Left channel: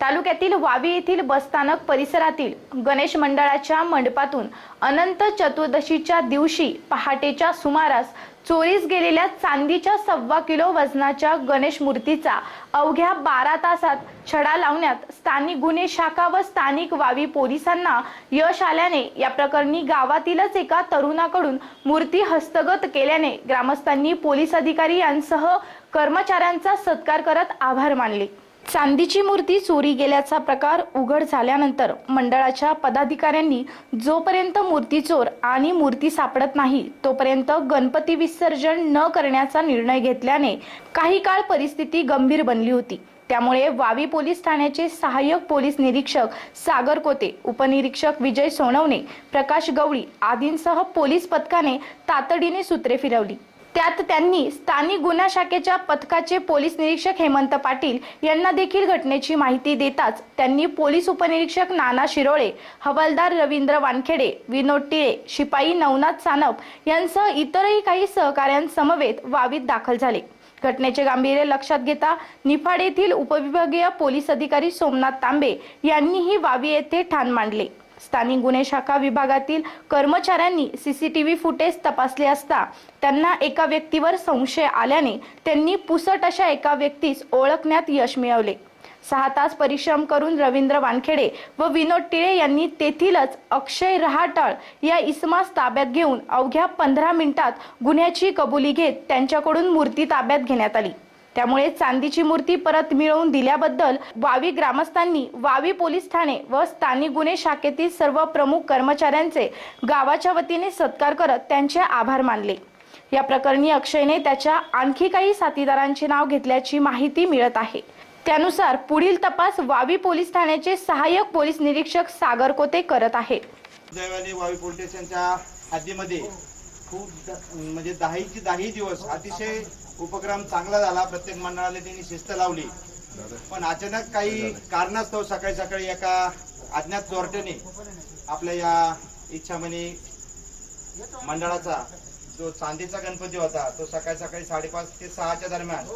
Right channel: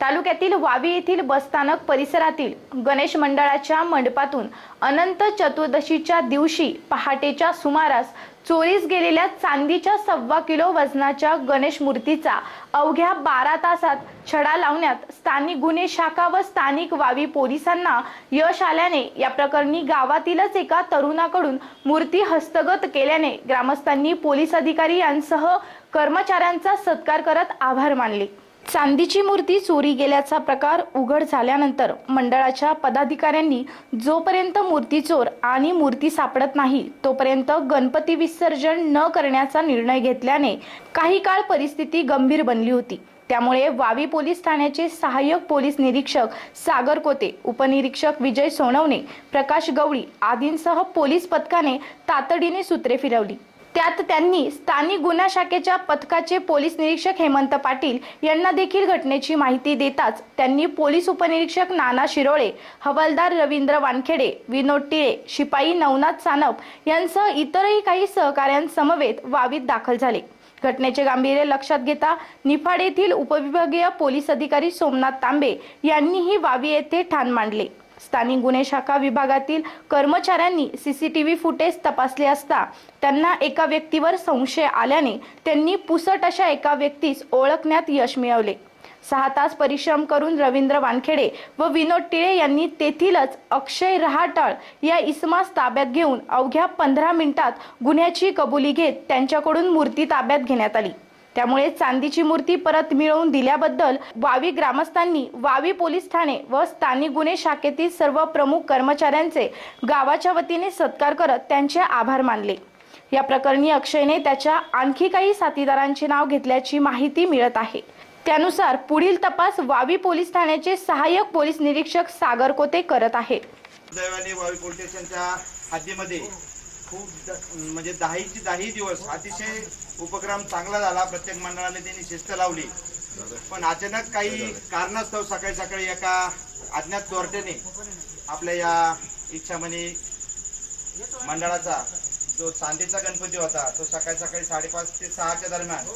तालुक्यातील वावी येथील बसस्थानक परिसरातील गणेश मंडळाच्या मंडपातून अनंत चतुर्दशीच्या दिवशी पहाटेच्या सुमारास चोरीस गेलेल्या चांदीच्या सव्वा किलो वजनाच्या गणेश मूर्तीचा अवघ्या बारा तासात छडा लावण्यात स्थानिक गुन्हे शाखा व स्थानिक वावी पोलिसांना यश आल्याने या प्रकरणी गावातीलच एका तरुणाकडून मूर्ती हस्तगत केल्याने ग्रामस्थांनी पोलीस अधिकारी यांसह कर्मचाऱ्यांचा सत्कार करत आभार मानले. चांदीची मूर्ती चोरी गेल्याचा प्रकार उघड झाल्यानंतर मंडळाच्या पदाधिकाऱ्यांनी जोपर्यंत मूर्ती चोर आणि मूर्ती सापडत नाही तोपर्यंत गणपती विसर्जन न करण्याचा निर्णय घेतल्याने काही काळ परिस्थिती गंभीर बनली होती. त्यामुळे वावी पोलीस ठाण्याचे सहाय्यक पोलीस निरीक्षक सागर कोते उपनिरीक्षक विजय सोनवणे प्रकाश गवळी आदींसह पोलीस पथकाने तातडीने सूत्रे फिरवली. त्यात त्यांनी स्थानिक गुन्हा शाखेच्या पथकाचे पोलीस निरीक्षक हेमंत पाटील यांना देखील घटनेची माहिती देताच त्यांनी पोलीस उपनिरीक्षक नाना शिरोळे हवालदार रवींद्र वानखेडे विनोद टिळे शिपाई नवनाथ सानप यांसह इतरही काही सहकाऱ्यांसमवेत वावीत दाखल झाले. घटनेचे गांभीर्य लक्षात घेता निफाड येथील उपविभागीय पोलीस अधिकारी सोमनाथ तांबे यांनीही वावी येथे ठाण मांडले. स्थानिक गुन्हे शाखा विभागातील कर्मचाऱ्यांनी सीसीटीव्ही फुटेज तपासले असता त्यांना एका व्यक्तीवर संशय आल्याने त्यांनी पुसट अशा एका व्यक्तीस ओळखण्यात यश मिळवले. सहा तास परिश्रम करून रवींद्र वानखेडे व विनोद टिळे यांनी तेथीलच अक्षय रहाटळ या इसमास ताब्यात घेऊन अवघ्या पंधरा मिनिटात गुन्ह्याची कबुली घेत त्यांच्याकडून मूर्ती ताब्यात घेण्यात आली. त्यामुळे चांदीची मूर्ती परत मिळवून दिल्याबद्दल वावी ग्रामस्थांनी वावी पोलीस ठाणे व स्थानिक गुन्हे शाखेतील सर्व प्रमुख कर्मचाऱ्यांचे गावाच्या वतीने सत्कार करत त्यांचे आभार मानले. या प्रकरणी अक्षयने त्याच्या आणखी काही साथीदारांचे नाव घेतल्याची माहिती मिळत आहे. त्यानुसार पुढील तपास वावी पोलीस ठाण्याचे सहाय्यक पोलीस निरीक्षक सागर कोते करत आहेत हद्दीमध्ये खूप म्हणजे दहाची दहाही दिवस अतिशय उपक्रम चांगला झाला. प्रत्येक मंडळाला त्यांनी शिस्त लावली. पण अचानक काही कारणास्तव सकाळी सकाळी एका अज्ञात चोरट्याने आपल्या या इच्छामणी मंडळाचा जो चांदीचा गणपती होता तो सकाळी सकाळी साडेपाच ते सहाच्या दरम्यान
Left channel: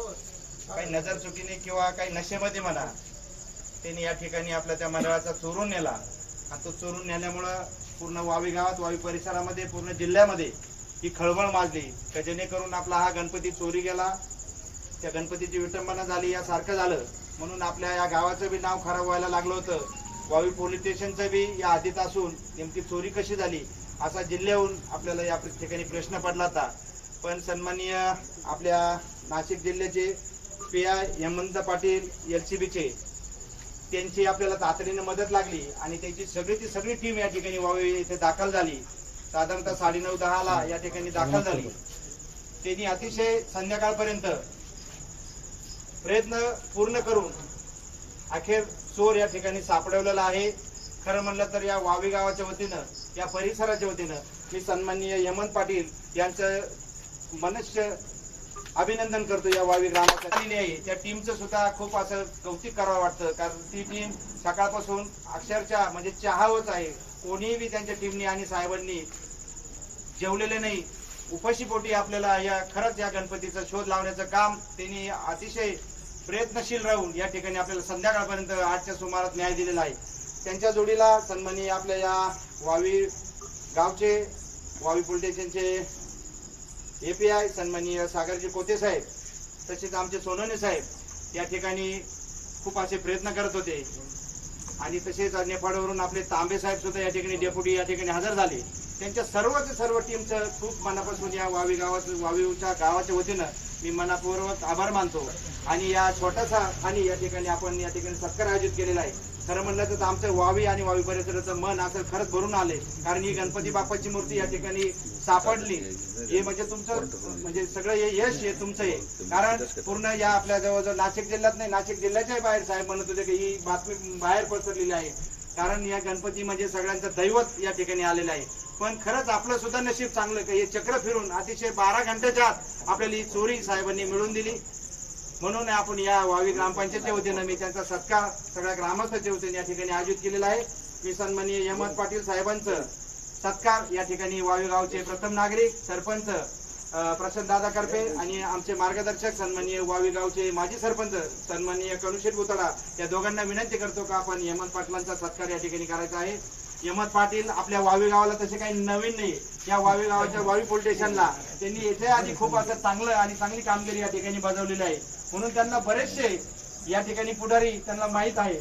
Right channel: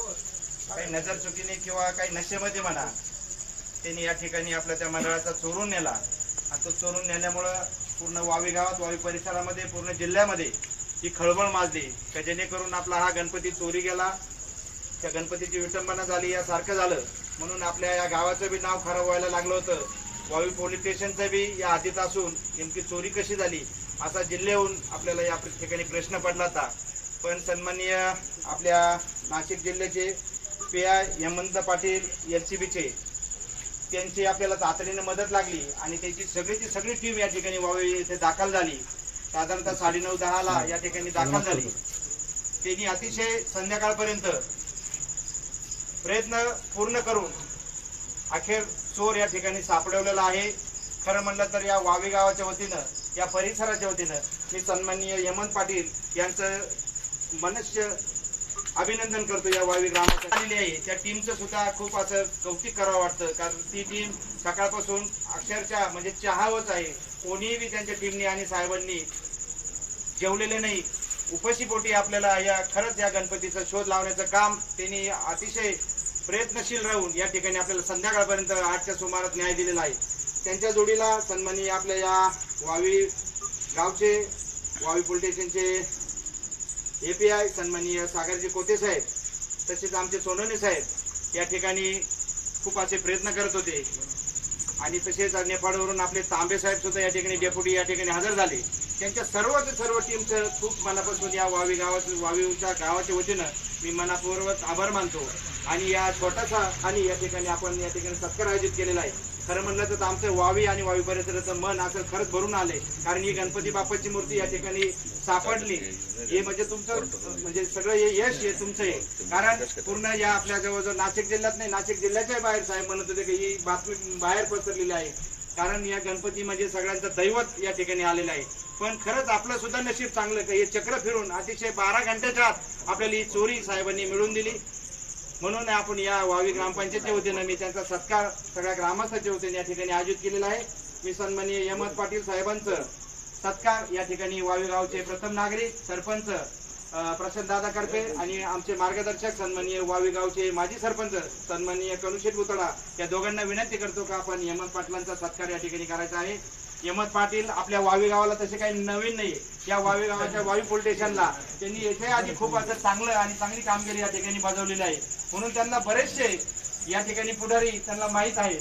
काही नजर चुकीने किंवा काही नशेमध्ये म्हणा त्यांनी या ठिकाणी आपल्या त्या मंडळाचा चोरून नेला. आणि तो चोरून नेल्यामुळं पूर्ण वावी गावात वावी परिसरामध्ये पूर्ण जिल्ह्यामध्ये ही खळबळ माजली का जेणेकरून आपला हा गणपती चोरी गेला? त्या गणपतीची विटंबना झाली यासारखं झालं. म्हणून आपल्या या गावाचं बी नाव खराब व्हायला लागलं होतं. वावी पोलीस स्टेशनचं बी या आधीत असून नेमकी चोरी कशी झाली असा जिल्ह्याहून आपल्याला या ठिकाणी प्रश्न पडला होता. पण सन्माननीय आपल्या नाशिक जिल्ह्याचे P I Hemant Patil L C बीचे. त्यांची आपल्याला तातडीने मदत लागली आणि त्यांची सगळीची सगळी टीम या ठिकाणी वावी येथे दाखल झाली. साधारणतः साडे नऊ दहाला या ठिकाणी दाखल झाली. त्यांनी अतिशय संध्याकाळपर्यंत प्रयत्न पूर्ण करून अखेर चोर या ठिकाणी सापडवलेला आहे. खरं म्हणलं तर या वावी गावाच्या वतीनं या परिसराच्या वतीनं मी सन्माननीय हेमंत पाटील यांचं मनुष्य अभिनंदन करतो या वावी ग्रामात आलेली आहे. त्या टीमचं सुद्धा खूप असं कौतिक करावं वाटतं. कारण ती टीम सकाळपासून अक्षरशः म्हणजे चहावच आहे. कोणीही बी त्यांच्या टीमनी आणि साहेबांनी जेवलेले नाही. उपाशीपोटी आपल्याला या खरंच या गणपतीचा शोध लावण्याचं काम त्यांनी अतिशय प्रयत्नशील राहून या ठिकाणी आपल्याला संध्याकाळपर्यंत आठच्या सुमारात न्याय दिलेला आहे. त्यांच्या जोडीला सन्मानी आपल्या या वावी गावचे वावी पोलिटेशनचे एपीआय सन्माननीय सागरजी कोते साहेब तसेच आमचे सोनवणे साहेब या ठिकाणी खूप असे प्रयत्न करत होते. आणि तसेच नेपाळवरून आपले तांबे साहेब सुद्धा या ठिकाणी डेप्युटी या ठिकाणी हजर झाले. त्यांच्या सर्वच सर्व टीमचं खूप मनापासून या वावी गावाचं वावीच्या गावाच्या वतीनं मी मनापूर्वक आभार मानतो. आणि या छोटासा आणि या ठिकाणी आपण या ठिकाणी सत्कार आयोजित केलेला आहे. खरं म्हणलं तर आमचं वावी आणि वावी परिसराचं मन असं खरंच भरून आले. कारण ही गणपती बाप्पाची मूर्ती या ठिकाणी सापडली. हे म्हणजे तुमचं म्हणजे सगळं हे यश हे तुमचं हे. कारण पूर्ण या आपल्या जवळजवळ नाशिक जिल्ह्यात नाही नाशिक जिल्ह्याच्या बाहेर साहेब म्हणत होते की ही बातमी बाहेर पसरलेली आहे. कारण या गणपती म्हणजे सगळ्यांचं दैवत या ठिकाणी आलेलं आहे. पण खरंच आपलं सुद्धा नशीब चांगलं की हे चक्र फिरून अतिशय बारा घंट्याच्या आत आपल्याला ही चोरी साहेबांनी मिळवून दिली. म्हणून आपण या वावी ग्रामपंचायतच्या वतीनं मी त्यांचा सत्कार सगळ्या ग्रामस्थांच्या वतीने या ठिकाणी आयोजित केलेला आहे. मी सन्माननीय हेमंत पाटील साहेबांचं सत्कार या ठिकाणी वावी गावचे प्रथम नागरिक सरपंच प्रशांत दादा करपे आणि आमचे मार्गदर्शक सन्माननीय वावी गावचे माजी सरपंच सन्माननीय कनुशेठ बुतडा या दोघांना विनंती करतो का आपण यमन पाटलांचा सत्कार या ठिकाणी करायचा आहे. हेमंत पाटील आपल्या वावी गावाला तसे काही नवीन नाही या वावी गावाच्या वावी पोलीस स्टेशनला त्यांनी येथे आधी खूप असं चांगलं आणि चांगली कामगिरी या ठिकाणी बजावलेली आहे. म्हणून त्यांना बरेचसे या ठिकाणी पुढारी त्यांना माहीत आहे.